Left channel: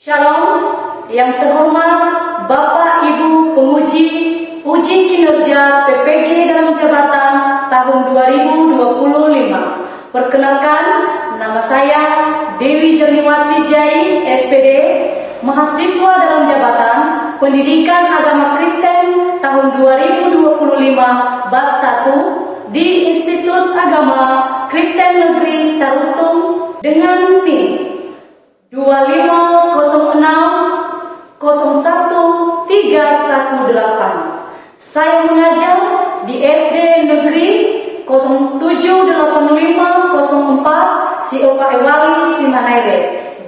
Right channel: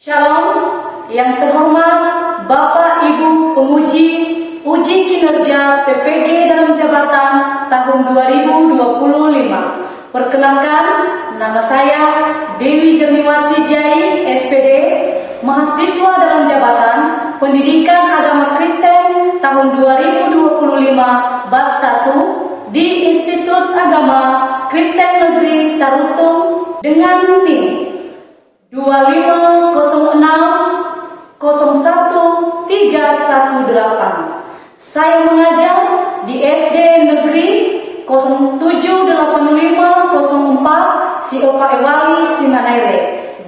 Shalom, yang terhormat Bapak Ibu penguji uji kinerja PPG dalam jabatan tahun 2025. Perkenalkan, nama saya Dewi Jerniwati Jai, SPD, mahasiswa dalam jabatan Pendidikan Agama Kristen tahun 2025 bab 1 di Institut Agama Kristen Negeri Tarutung dengan NIM 250601318. Saya mengajar di SD Negeri 078504 Sioka Ewali Sinanaire,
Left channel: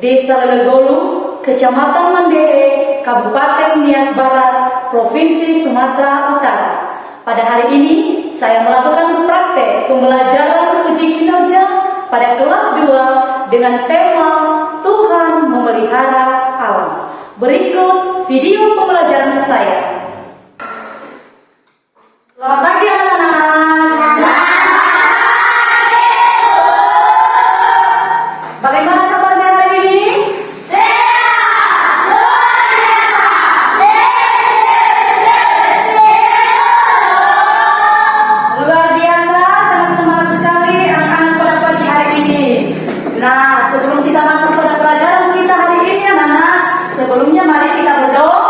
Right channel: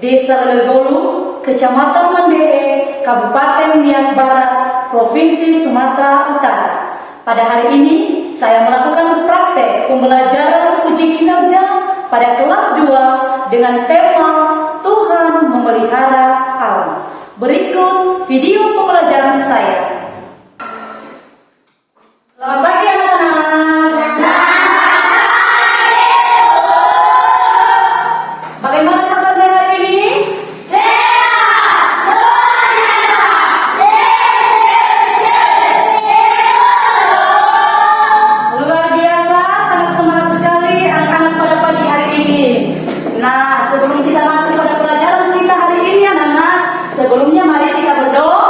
Desa Legolu, Kecamatan Mandere, Kabupaten Nias Barat, Provinsi Sumatera Utara. Pada hari ini saya melakukan praktek pembelajaran uji kinerja pada kelas 2 dengan tema Tuhan memelihara alam. Berikut video pembelajaran saya. Selamat pagi anak-anak. Bagaimana kabarnya hari ini? Luar biasa, sangat semangat sekali anak-anak pada pagi hari ini. Nah, sebelum kita masuk pada pelajaran kita hari ini anak-anak, sebelumnya mari kita berdoa.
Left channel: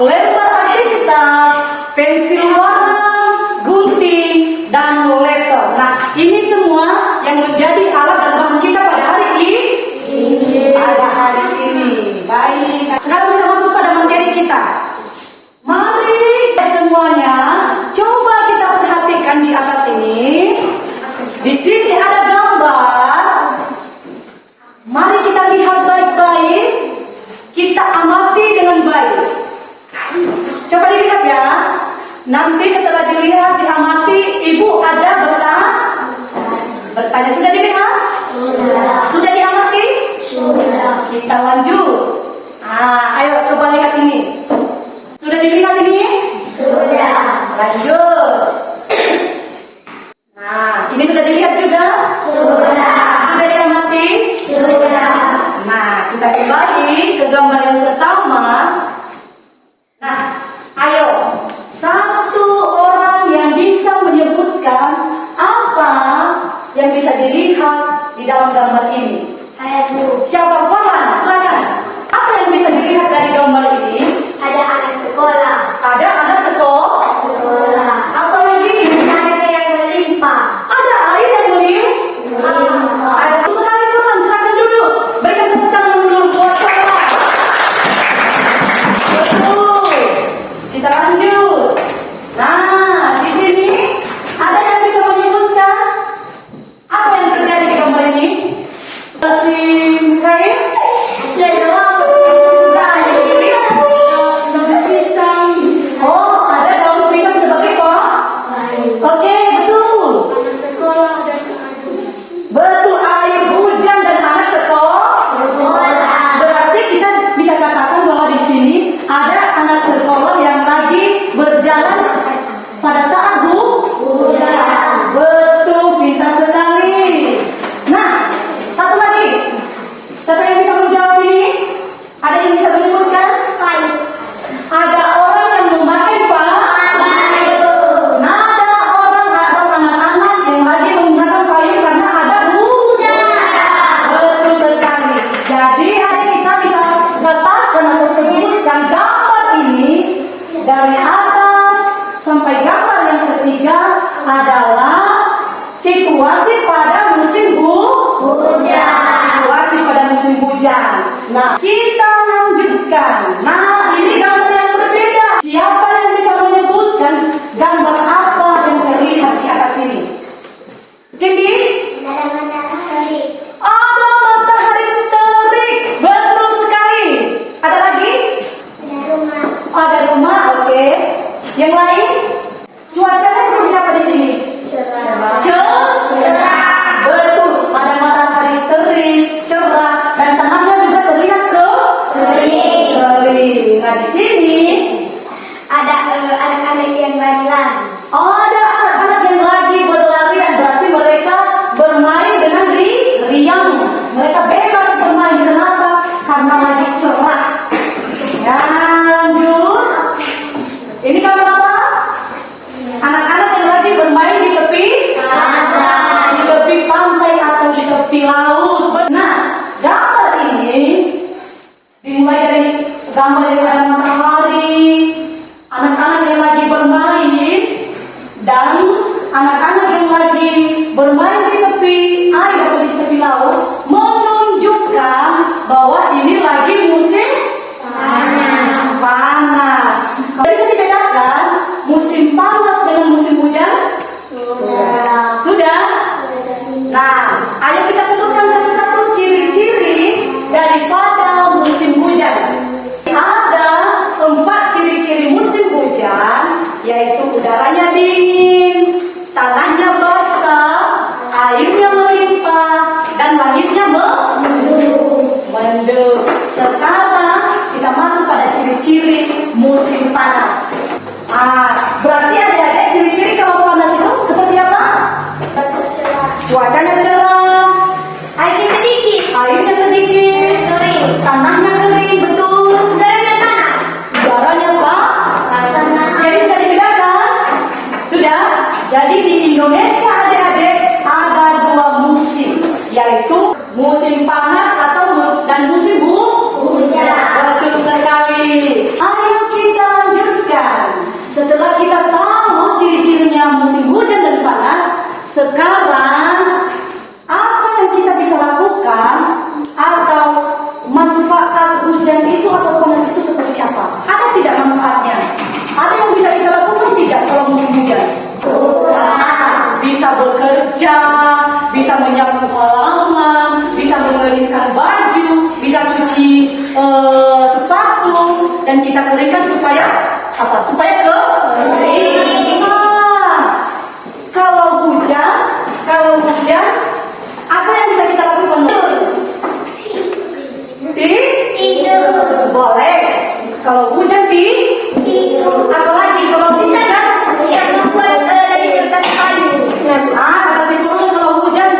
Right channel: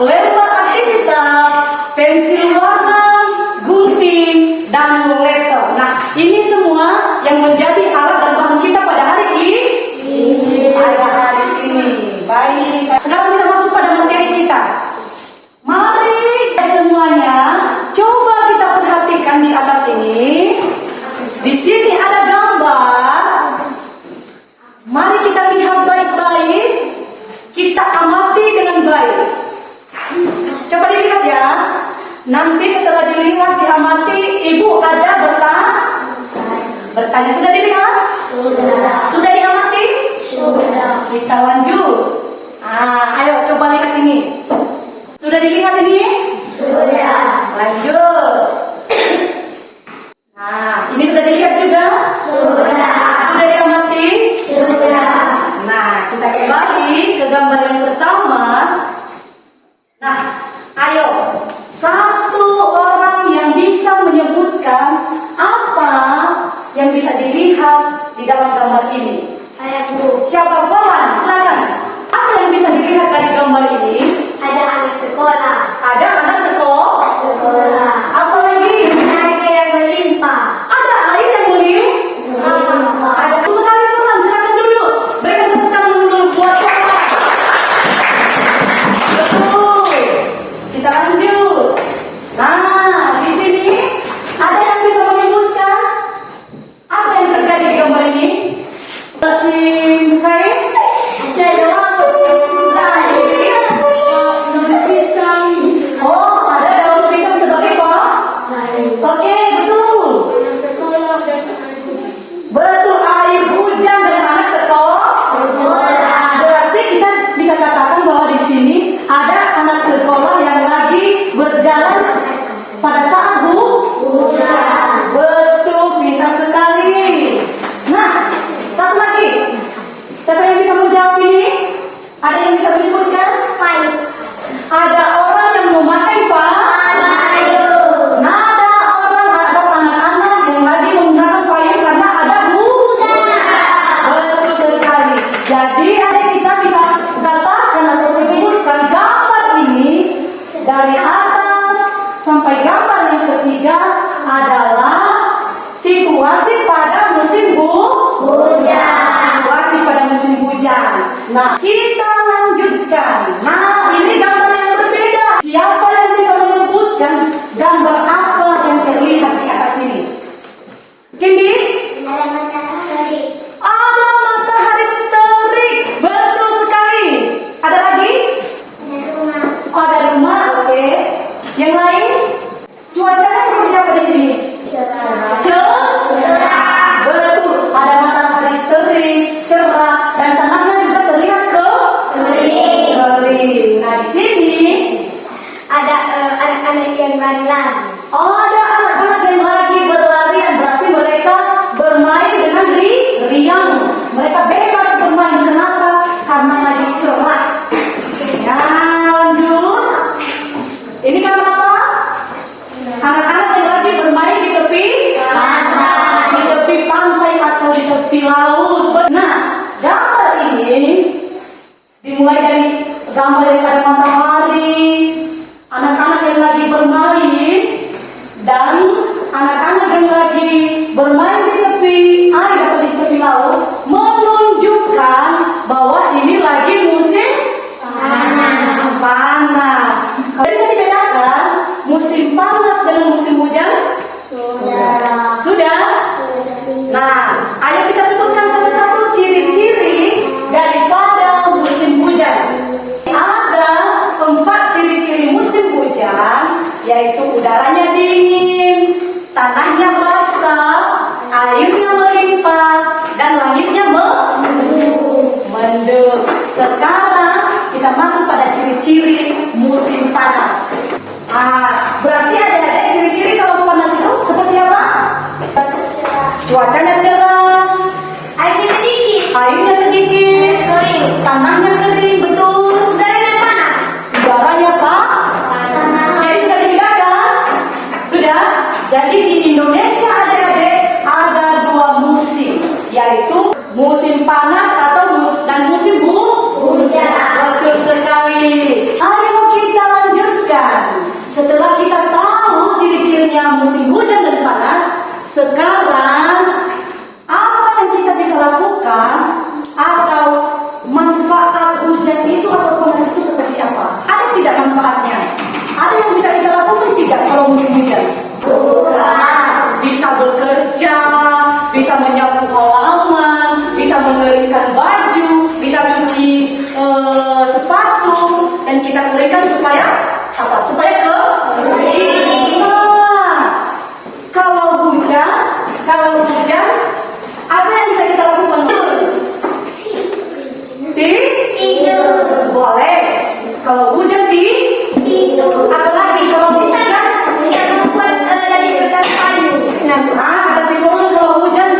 lembar aktivitas, pensil warna, gunting, dan letter. Nah, ini semua yang menjadi alat dan bahan kita pada hari ini. Pada hari ini. Baik. Sekarang kita masuk pada materi kita. Mari semuanya, coba kita perhatikan di atas ini. Di sini ada gambar. Mari kita lihat baik-baik. Kita amati dengan baik. Coba dilihat ya. Nanti setelah dilihat, diamati, ibu ada bertanya. Sudah dilihat? Sudah diamati? Sudah. Kita lanjut. Ayo coba lihat ini. Sudah dilihat ini? Sudah. Lanjut. Nah, ini sudah dilihat juga? Sudah. Sudah diamati? Sudah. Nah, kita kembali ke gambar yang pertama. Nah, ayo, satu orang yang bisa menyebutkan apa yang bisa dilihat di dalam gambar ini. Saya, Bu. Siapa? Farhan, silakan. Apa yang bisa dilihat dari gambar ini? Ada anak sekolah. Ada anak sekolah. Apa lagi? Ada air yang melimpah. Ada air yang melimpah. Ada sekali Farhan, silakan duduk. Berikan tepuk tangan dulu buat Farhan. Betul. Kita lanjut. Nah, di sini ada yang bisa menyebutkan apa yang terjadi di gambar ini? Mesin kain. Oh, ada daun pisang sebagai apa? Oke, betul. Betul, air hujan dan anak sekolah. Berarti kita bisa katakan bahwa di sini ada anak sekolah yang lagi berjalan pada saat hujan. Betul, pintar sekali. Nah, satu lagi. Siapa yang bisa menjawab ini? Ada yang bisa menyebutkan? Ada orang yang memakai payung. Nah, ada orang atau anak-anak yang lagi menggunakan payung karena ada hujan. Betul sekali. Jadi kita bisa katakan atau sebutkan gambar ini dari atas sampai gambar yang ketiga adalah situasi pada musim hujan. Situasi pada musim hujan. Nah, kita lanjutkan. Nah, ini gambar yang berbeda. Siapa yang bisa menyebutkan gambar apa yang terlihat di atas ini? Cindy? Ada matahari terik. Betul sekali. Ada lagi? Ada rumah. Oke. Yang lain? Cuacanya seperti apa di sini? Cerah. Betul. Ada matahari terik, cerah, dan tanahnya juga terlihat kering. Nah, di sini Ada anak-anak yang lari-lari. ada anak-anak yang lagi berlarian. Berarti mereka bermain dengan riang. Mereka bebas bermain. Kenapa? Karena lagi cerah. Lanjut. Ini gambar apa? Anak-anak yang lagi bermain di tepi pantai atau di tepi laut. Nah, gambar ini dimulai dari gambar yang ada matahari, anak-anak yang lagi bermain, dan anak-anak yang lagi bermain di tepi air atau di tepi laut, menunjukkan bahwa ini lagi musim panas. Kalau bisa dibedakan musim panas dengan musim hujan? Sudah? Nah, ayo kita sebutkan satu-satu ciri-ciri daripada musim hujan. Ada 4 ciri-ciri musim hujan, yaitu udaranya dingin, tanahnya basah, airnya melimpah, dan langitnya mendung. Sekarang kita masuk pada ciri-ciri musim panas. Berarti ada ciri-ciri kalau panas itu seperti apa? Cuacanya cerah, airnya sedikit, tanahnya kering, betul. Udaranya panas. Jadi sudah dibedakan? Sudah. Jadi di Indonesia adik-adik ada 2 musim, yaitu musim panas dan musim hujan. Betul sekali. Ayo kita sekarang apa yang kita bisa lakukan atau manfaat hujan itu atau panas itu seperti apa? Ada tidak manfaatnya? Ada yang bisa kita lakukan tidak kalau musim hujan? Bisa bekerja, bisa menyapu halaman, bisa mengeringkan baju, bisa cuci sepatu, dan kita keringkan supaya apa? Supaya kering. Nah, kalau hujan, apa yang bisa kita lakukan? Tidur. Boleh. Kalau hujan tidur. Apalagi kalau hujan? Bisa membuat dari kertas kayu. Kata si Frozen kalau hujan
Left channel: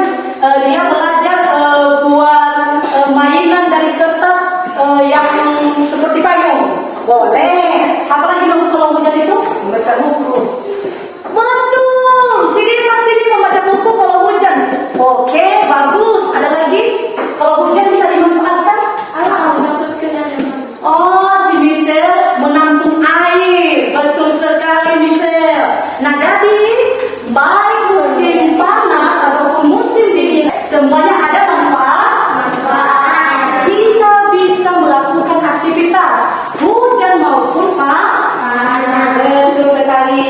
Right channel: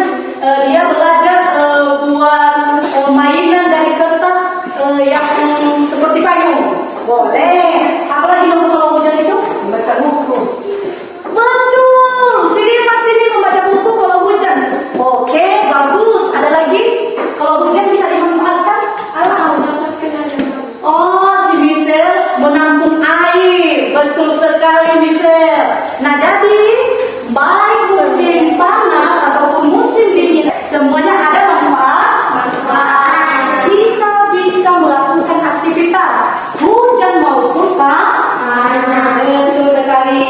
dia belajar buat mainan dari kertas yang seperti payung. Boleh. Apalagi kalau hujan itu membaca buku. Betul. Sini membaca buku kalau hujan. Oke, bagus. Ada lagi? Kalau hujan bisa dimanfaatkan? Oh, si Michelle menampung air. Betul sekali, Michelle. Nah, jadi baik musim panas ataupun musim dingin, semuanya ada manfaat. Kita bisa melakukan aktivitas hujan maupun panas. Betul sekali.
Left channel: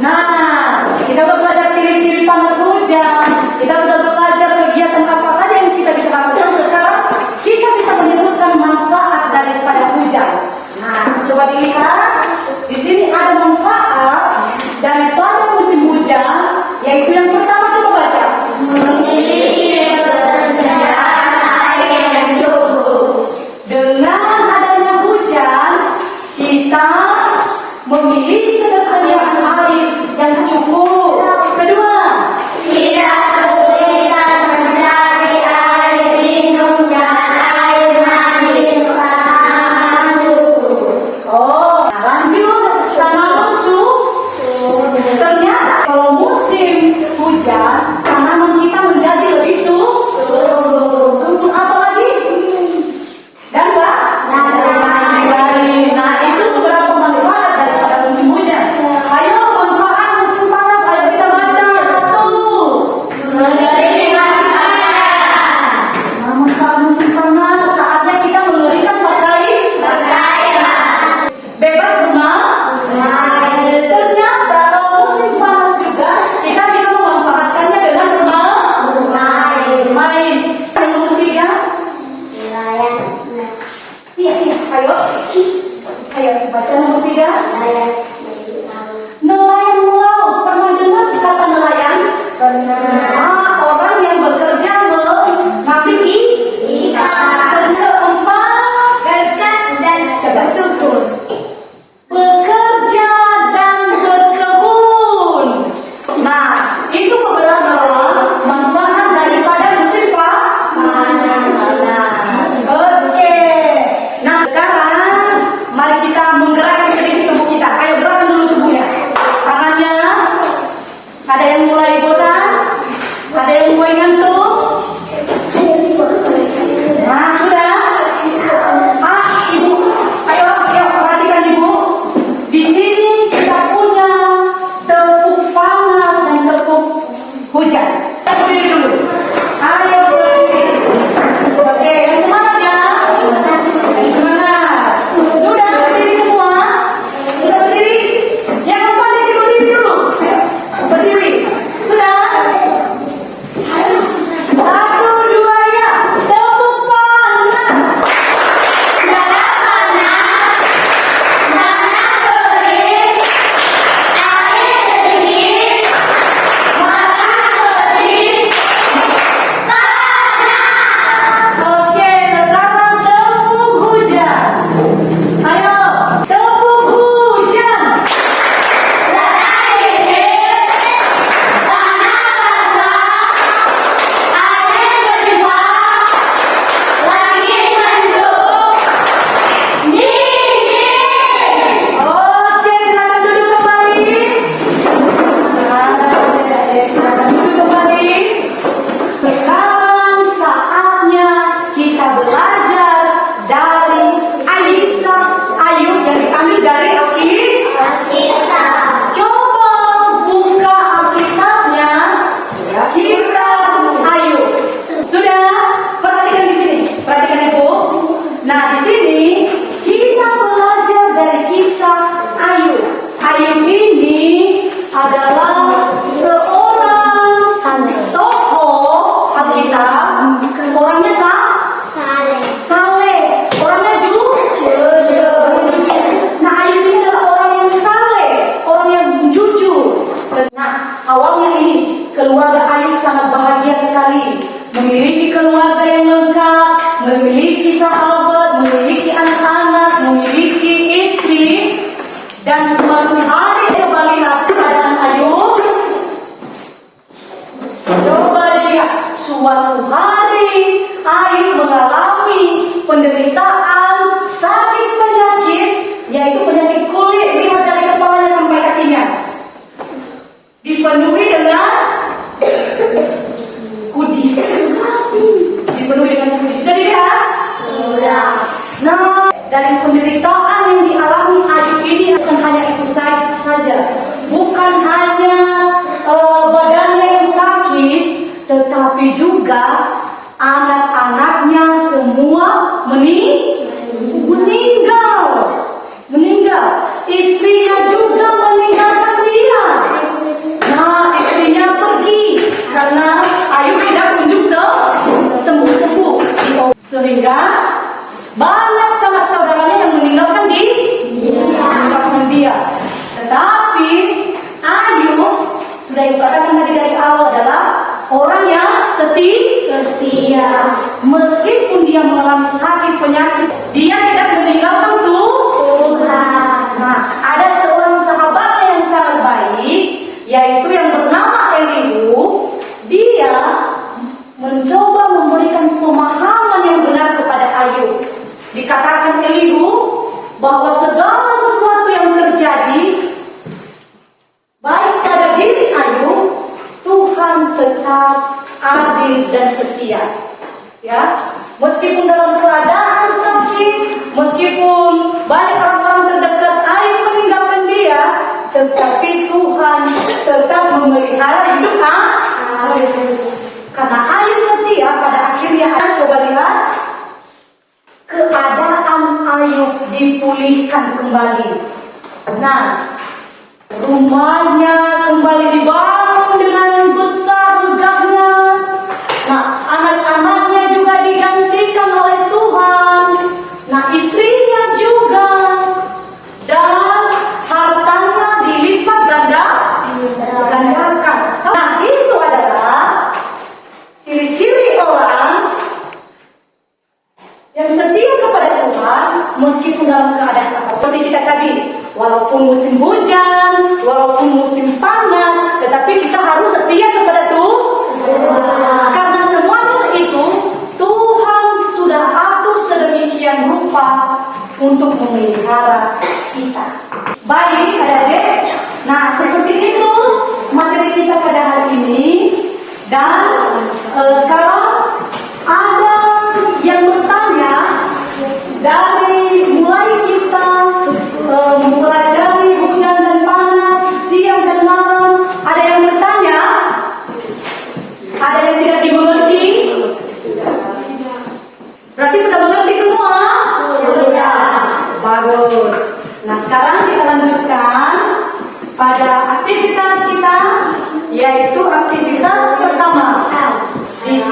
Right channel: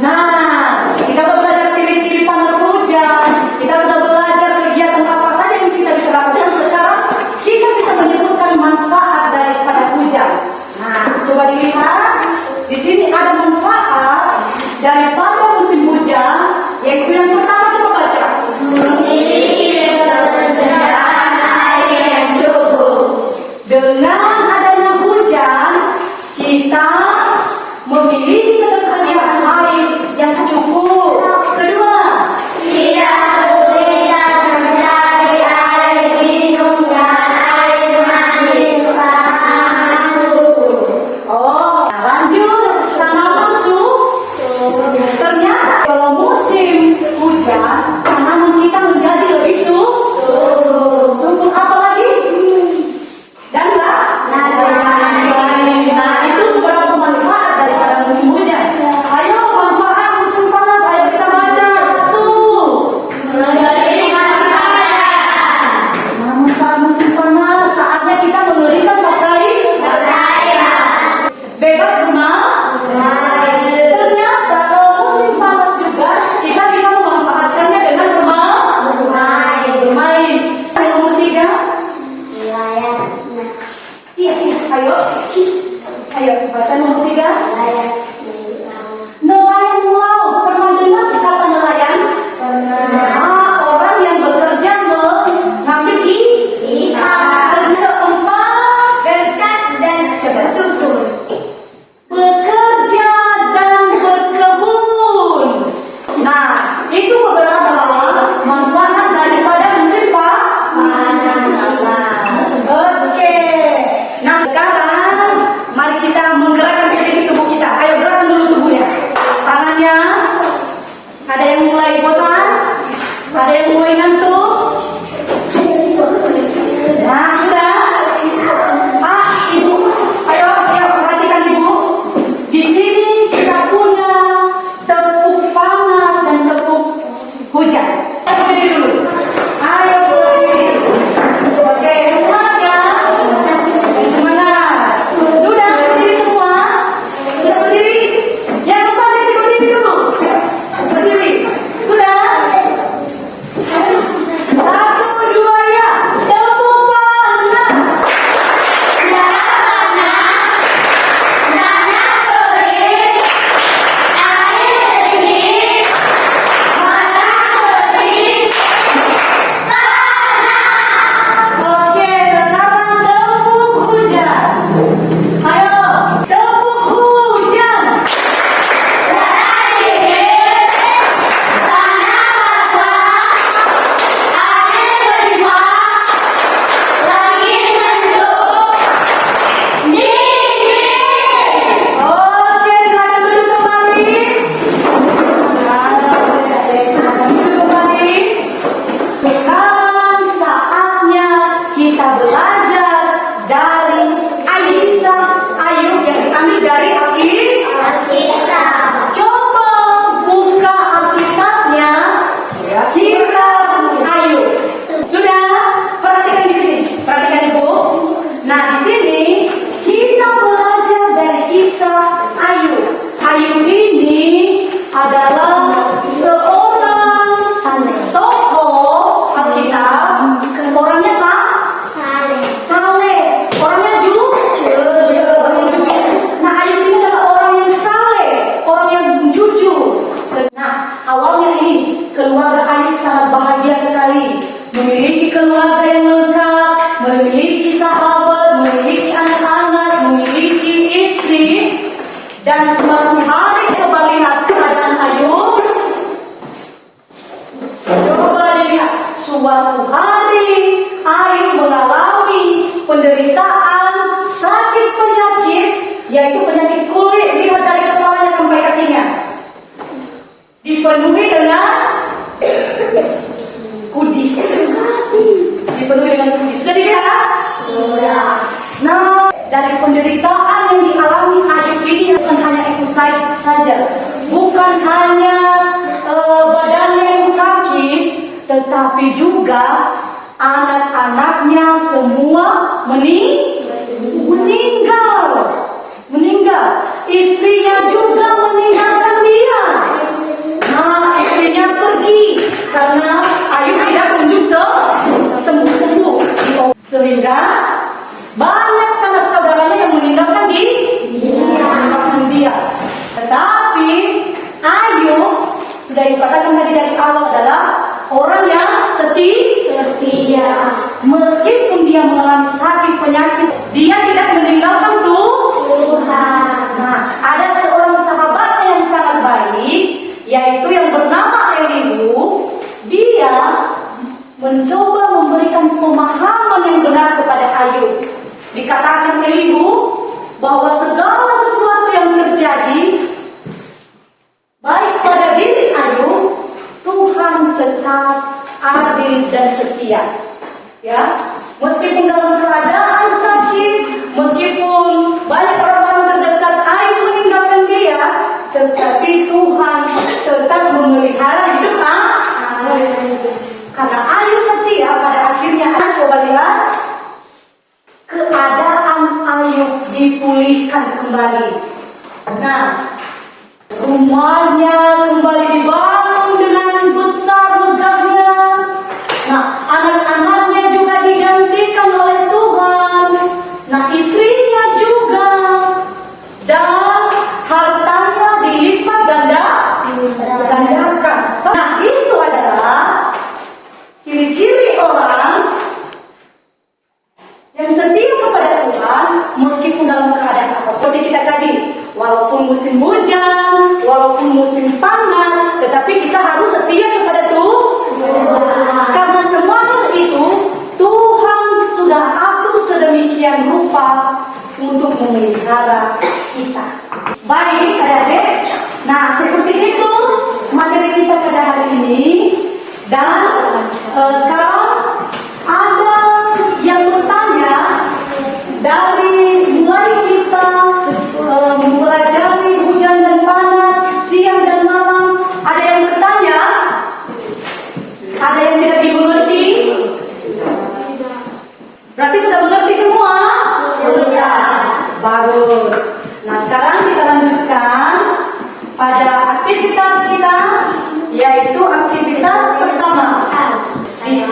Nah, kita sudah belajar ciri-ciri panas hujan. Kita sudah belajar kegiatan apa saja yang kita bisa lakukan. Sekarang kita bisa menyebutkan manfaat daripada hujan. Nah, coba dilihat. Di sini ada manfaat daripada musim hujan, yaitu yang pertama, coba baca. Dengan adanya hujan, kita memiliki ketersediaan air yang cukup. Kedua, Tidak kesulitan mencari air minum dan air mandi panas. oh, lanjut tanaman ternyata kalau musim hujan, tanaman kita menjadi lebih subur. Apa lagi? Dan apa? Nah, itu beberapa manfaat daripada musim hujan. Ayo, manfaat musim panas. Ayo kita baca satu. Manfaat musim panas, saatnya kita mengeringkan pakaian. Bebas berenang. Ternyata kalau musim panas juga kita bisa memanfaatkannya dengan bermain. Yang nomor 3. Iya, ayo baca nomor 3. Nelayan melaut. Pernah dengar kata nelayan? Orang yang bekerja mengambil ikan. Keempat, Gercep dan bersyukur. bekerja dan berkebun. Nah, itu beberapa manfaat daripada musim panas. Oke. Nah, sekarang mari kita menggerakkan sedikit tubuh kita. Ayo gerakkan dulu tubuhnya. Tangannya. Ada yang mulai bosan? Ada yang mulai ngantuk? Nah, sudah. Ibu, ayo perhatikan ibu. Di sini kita punya tepuk panas dan tepuk hujan. Berdiri dulu. Ayo berdiri. Oke, semangat ya. Semangat. Sudah berdiri semua? Sudah berdiri? Yang depan ini berdiri dulu. Berdiri. Sudah? 1, 2, ya. Tepuk panas. Solihah, orangnya saleh, orangnya Nah, Ayub ini adalah orang yang saleh, orang yang jujur. Nah, awalnya ini keluarga Ayub sangat bahagia sekali, memiliki keluarga yang lengkap, memiliki sahabat, memiliki anak-anak, memiliki istri. Dan suatu hari coba lihat keadaan Ayub. Coba lihat, suatu hari Ayub mengalami penderitaan, sakit penyakit, yaitu penyakit kulit, lihat dari kepalanya sampai kakinya. Dipenuhi dengan kudis. Dipenuhi dengan kudis. Sudah dilihat? Nah, dari penderitaan yang dialami Ayub ini bukan hanya itu saja, bukan hanya badannya yang sakit, tetapi juga anak-anaknya semua meninggal. Istrinya juga meninggalkan dia. Nah, istrinya pergi karena Ayub tidak kunjung sembuh-sembuh. Sehingga banyak sanak saudaranya yang meninggalkan dia. Tetapi Ayub sudah dikatakan tadi dari awal adalah orang yang setia. Meskipun dia mengalami sakit penyakit, dia tidak meninggalkan Tuhan. Nah, ada seorang sahabatnya yang sangat baik, yaitu yang bernama Elihu. Dia mencoba memberikan pemahaman yang benar kepada Ayub. Dikatakan Elihu bahwa segala sesuatu yang terjadi baik pada diri Ayub, Tuhan tetap adil dan setia. Ya, meskipun dalam keadaan sakit, meskipun banyak orang terdekat Ayub meninggalkan dia, tetapi Tuhan tetap memelihara hidup Ayub. Karena Ayub setia, pada akhirnya coba lihat keadaan Ayub dipulihkan kembali. Nah, rumahnya kembali dibangun dengan besar megahnya. Nah, anak-anaknya juga digantikan oleh Tuhan. Nah, istrinya juga. Dan hartanya dilipat gandakan. Nah, itu adalah ciri-ciri orang yang setia kepada Tuhan meskipun dalam keadaan apa. Seperti kita tadi, walaupun musim hujan, walaupun musim panas, tetapi kita harus setia kepada Tuhan. Karena semuanya itu Tuhan sudah atur sedemikian rupa untuk memelihara kita. Baik, adik-adik. Nah, seperti itu materi kita pada hari ini. Dan sekarang ada yang bertanya dari mulai kita mempelajari hujan dan panas, siang dan malam. Ada yang bertanya? Ada yang tidak dimengerti? Berarti sudah mengerti semua? Sudah. Bagus. Nah, sekarang kita lanjutkan pada aktivitas kita, yaitu aktivitas pertama. Di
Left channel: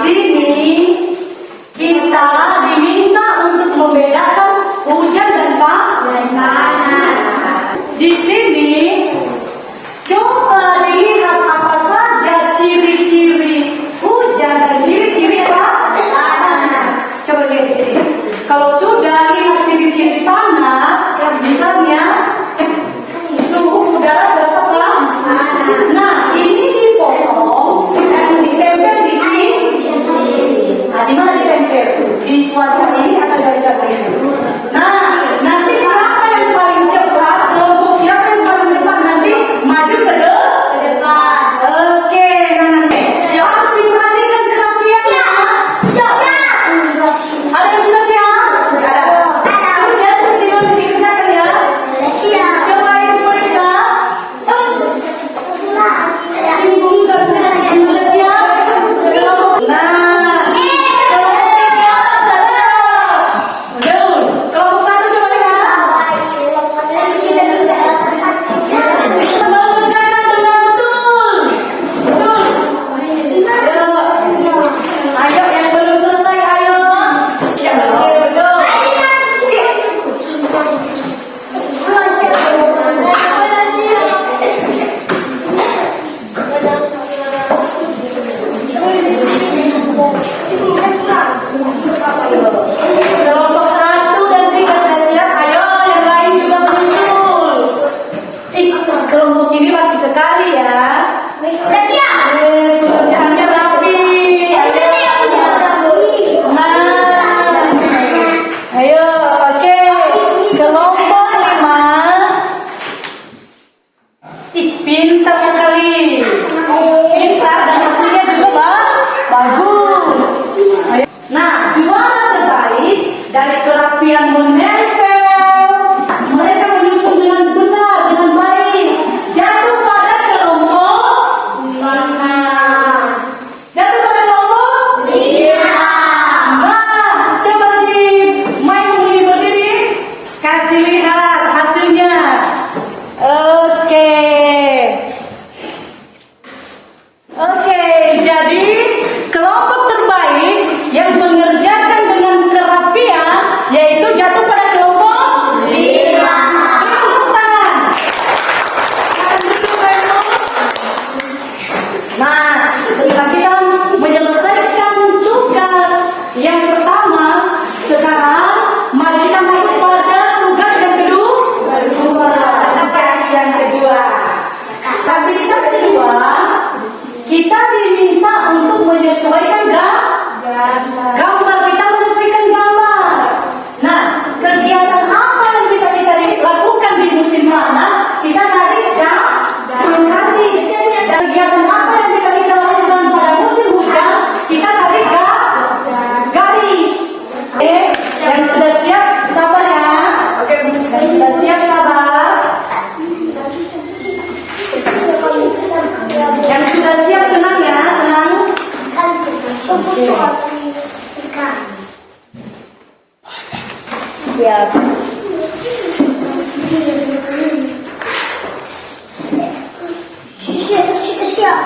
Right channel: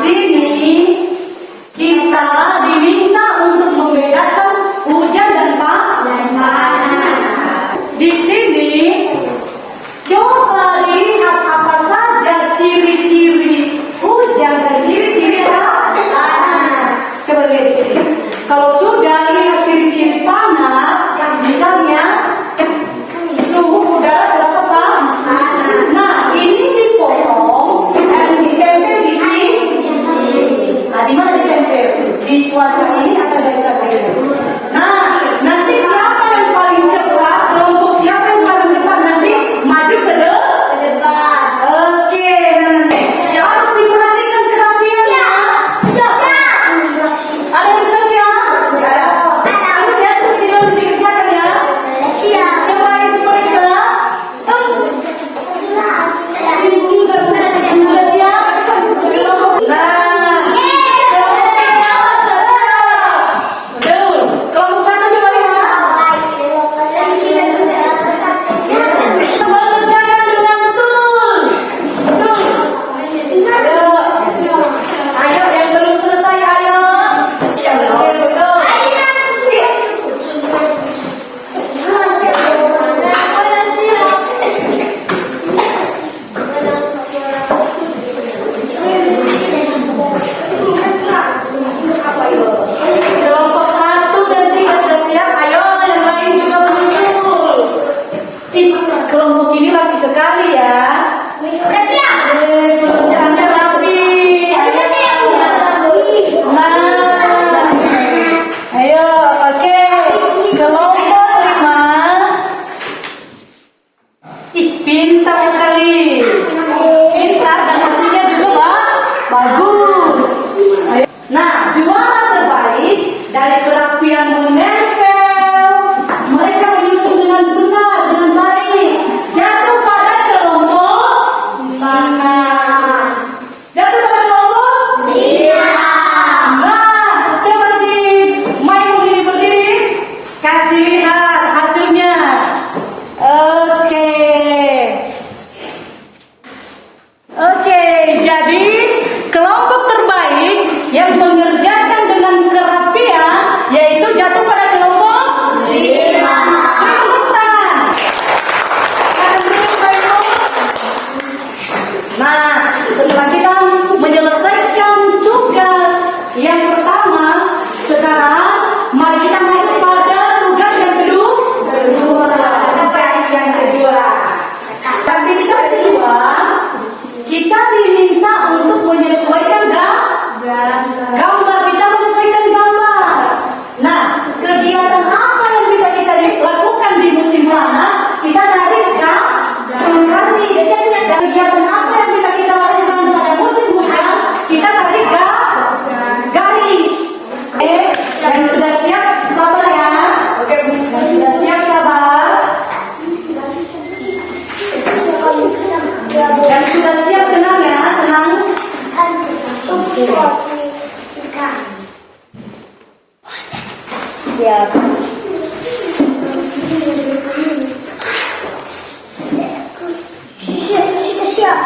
siap.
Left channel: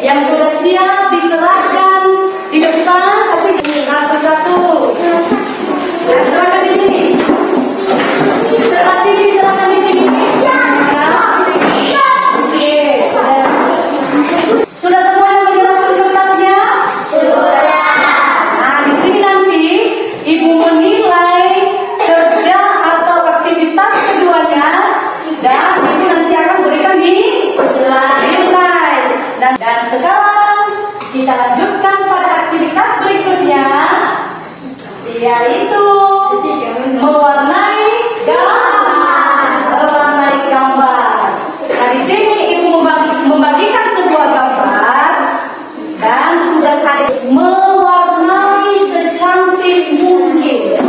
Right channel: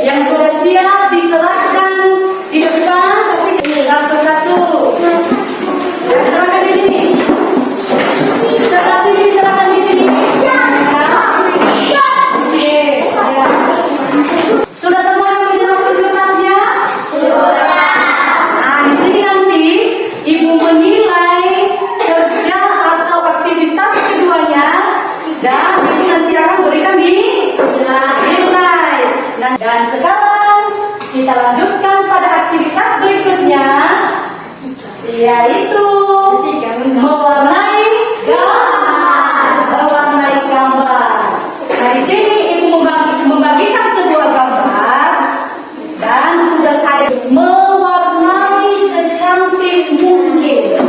Yang sudah siap diserahkan di depan, tapi jangan satu-satu. Nah, serahkan di sini. Serahkan di sini. Oke. Sudah semuanya menyerahkan kertasnya? Sudah. Nah, di sini nanti ibu menilai kerja atau aktivitas keduanya, dan ibu nanti akan berikan nilai. Dan sekarang kita lanjutkan pada aktivitas berikutnya, yaitu mewarnai gambar. Nah, di sini ibu membagikan sebuah gambar dan tugas adik mewarnai secantik mungkin.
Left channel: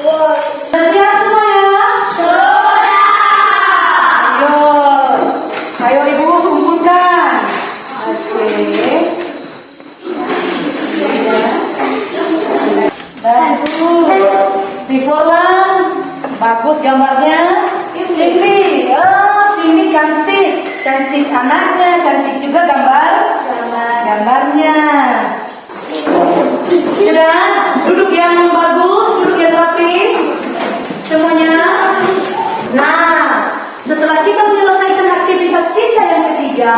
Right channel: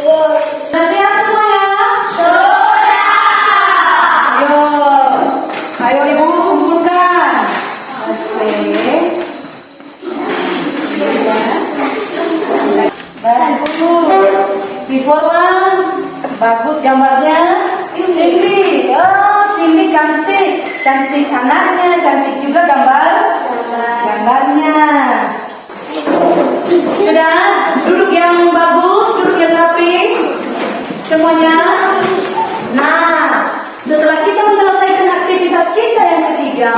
Sudah siap semuanya? Ayo ibu kumpulkan. Asik. Dan si Forlan bagus gambarnya. Cindy, Cindy cantik anaknya, cantik juga gambarnya. Sudah, duduk yang bagus, duduk yang rapi, semuanya. Nah, setelah kita menyelesaikan aktivitas kita yang ketiga,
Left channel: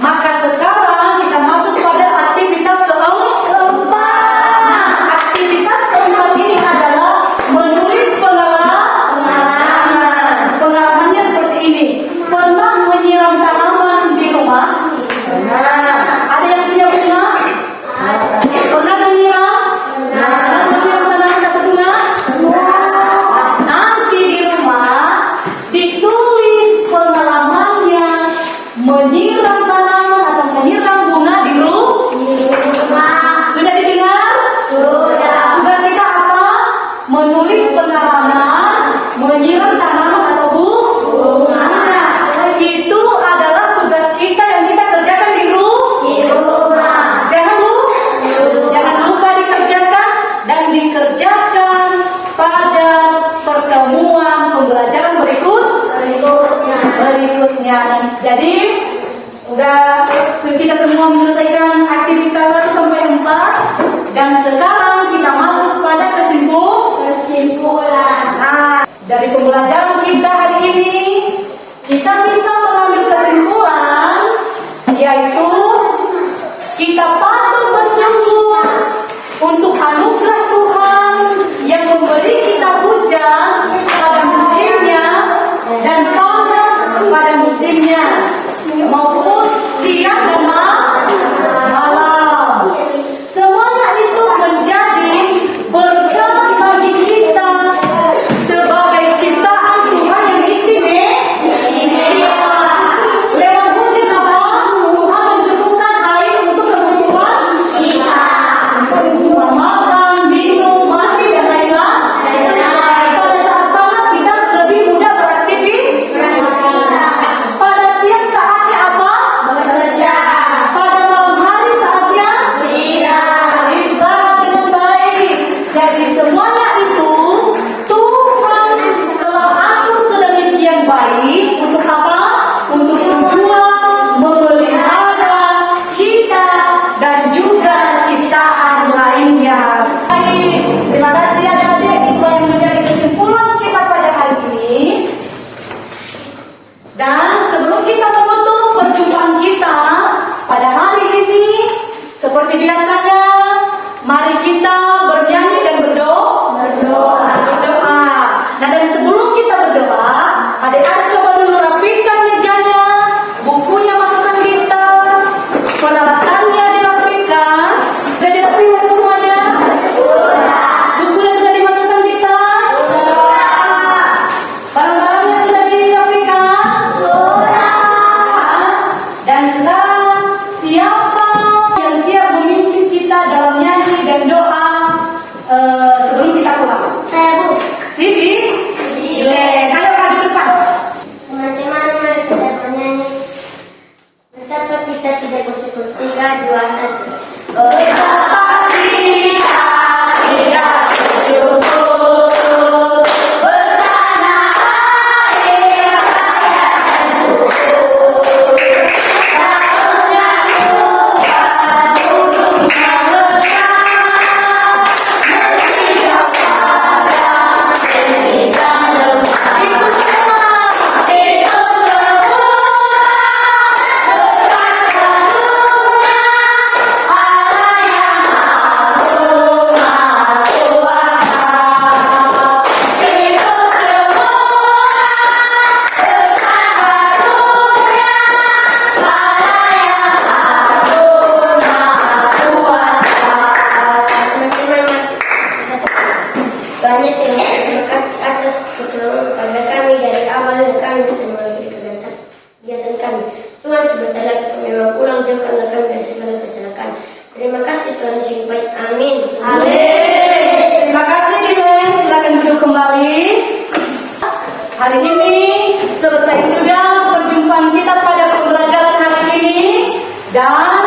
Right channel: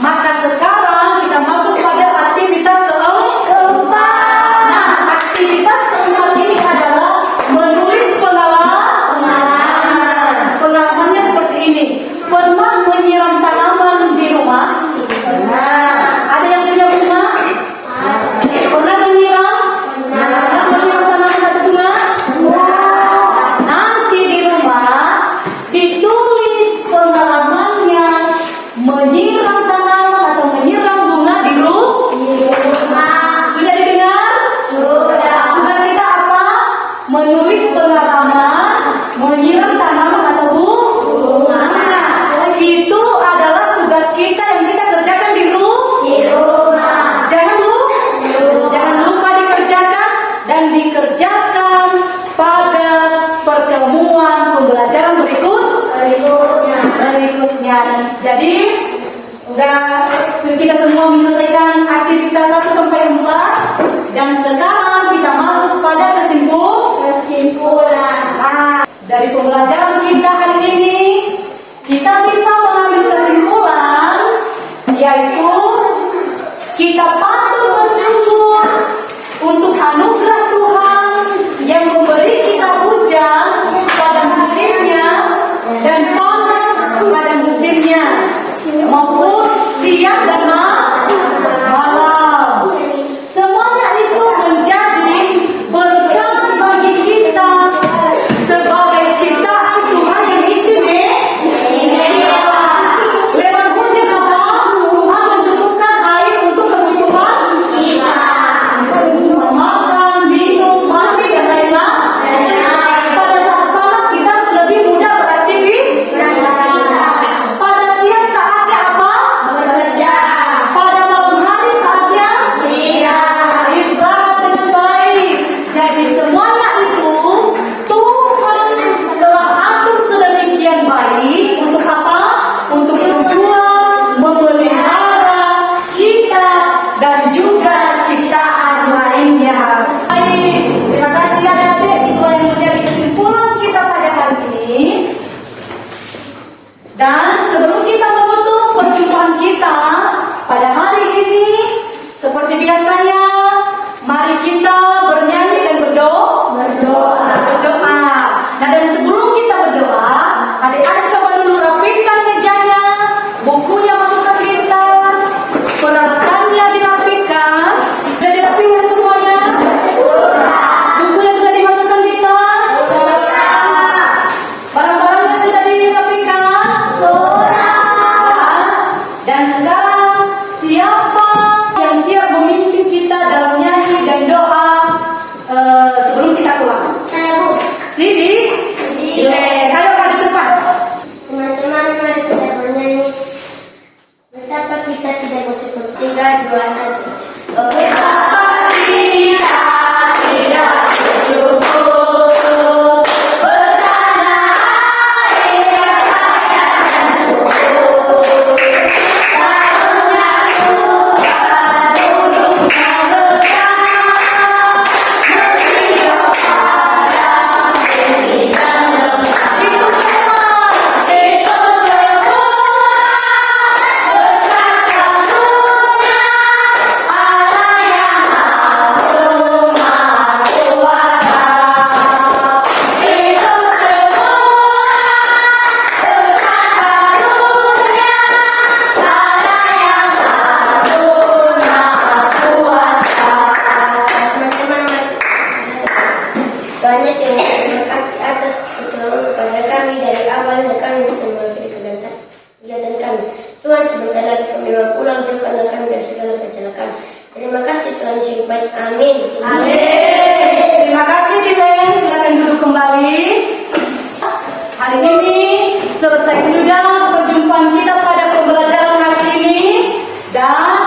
maka sekarang kita masuk pada aktivitas keempat. Nah, aktivitas keempat ini adalah menulis pengalaman. Pengalamannya seperti ini. Pernah menyiram tanaman di rumah? Ada yang punya bunga? Pernah menyiram? Menyiram tanaman ada bunga? Nanti di rumah ditulis pengalamannya menyiram tanaman atau menyiram bunga di rumah. Sudah didengar? Sudah. Tugas kita apa? Menulis pengalaman menyiram tanaman atau bunga. Itu adalah tugas kita yang kita kerjakan di rumah. Jangan lupa dikerjakan dan dikerjakan pada pertemuan pembelajaran berikutnya. Jadi kita semua menyelesaikan aktivitas 1 sampai 4 dan sekarang kita masuk pada kesimpulan. Nah, dari pembelajaran kita hari ini kita bisa mengambil kesimpulan, yaitu kita patut bersyukur untuk anugerah Tuhan yang memberi kita hujan pada musimnya dan panas pada musimnya, maupun siang dan malam. Semuanya itu menjadi berkat bagi kita sebagai ciptaan Tuhan yang istimewa. Lewat hujan apa? Tuhan mencukupkan air untuk kebutuhan kita. Makan, minum, mandi, dan lain-lain. Pada saat panas kita lebih mudah beraktivitas. Pada siang saatnya apa? Bekerja. Pada malam hari saatnya istirahat dengan baik. Jadi semuanya itu Tuhan telah atur sedemikian baik untuk apa? Untuk tujuan memelihara kita dan juga ciptaan lainnya. Terima kasih adik-adik, itulah yang menjadi kesimpulan kita pada hari ini. Dan sebelum kita menutup perjumpaan kita pada hari ini, seperti biasanya, mari kita bernyanyi dan berdoa. Nah, dan sebelum kita berdoa, adik-adik coba dulu rapikan mejanya, bukunya masukkan tinta, dari awal kami bisa mengikuti kegiatan kami. Tuhan sebentar lagi kami mau pulang jauh karena kami dari segala kecelakaan. Terima kasih Tuhan yang baik. Amin. Terima kasih Dimen, silakan duduk kembali. Hari ini selesai sudah perjumpaan kita pada pembelajaran hari ini dan